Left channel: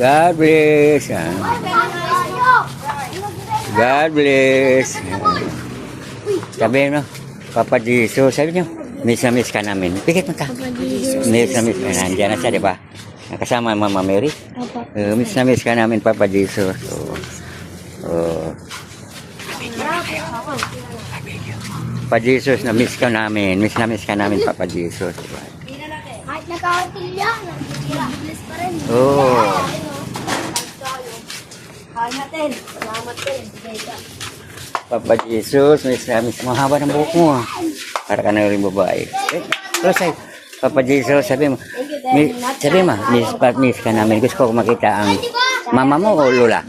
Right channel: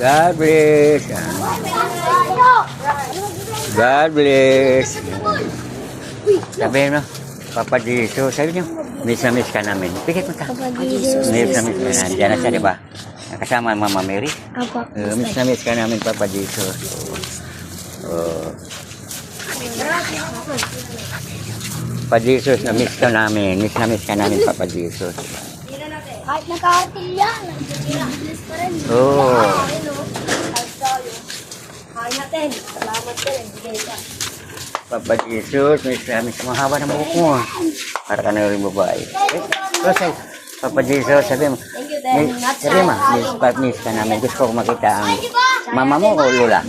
God bless. God bless. Sabi mo, Papa Jesus, sabi niyo, miss na miss ka namin. Pikit mo ka. Miss na miss ka. Nandiyan na siya, di ba? Kasama ang Mama Mary. Miss na miss ka namin, Papa Jesus. Papa Jesus, na miss ka namin. Miss na miss ka namin, Papa Jesus. Kahit nagkakatilya, nag-bless pa rin. Oo. Kain natin. Salamat din. Papa Jesus, miss na miss. Mahaba ng buhok mo. Para ka na rin babae. Rosay, Papa Jesus, sabi mo, miss ka namin. Gusto ko makita ang mama mo o Lola?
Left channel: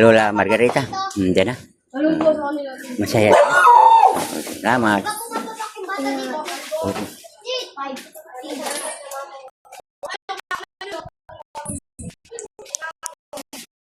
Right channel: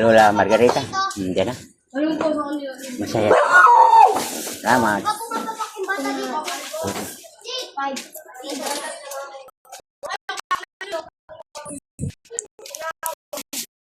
Lola Margarita. Diyan na. Masaya. Salamat.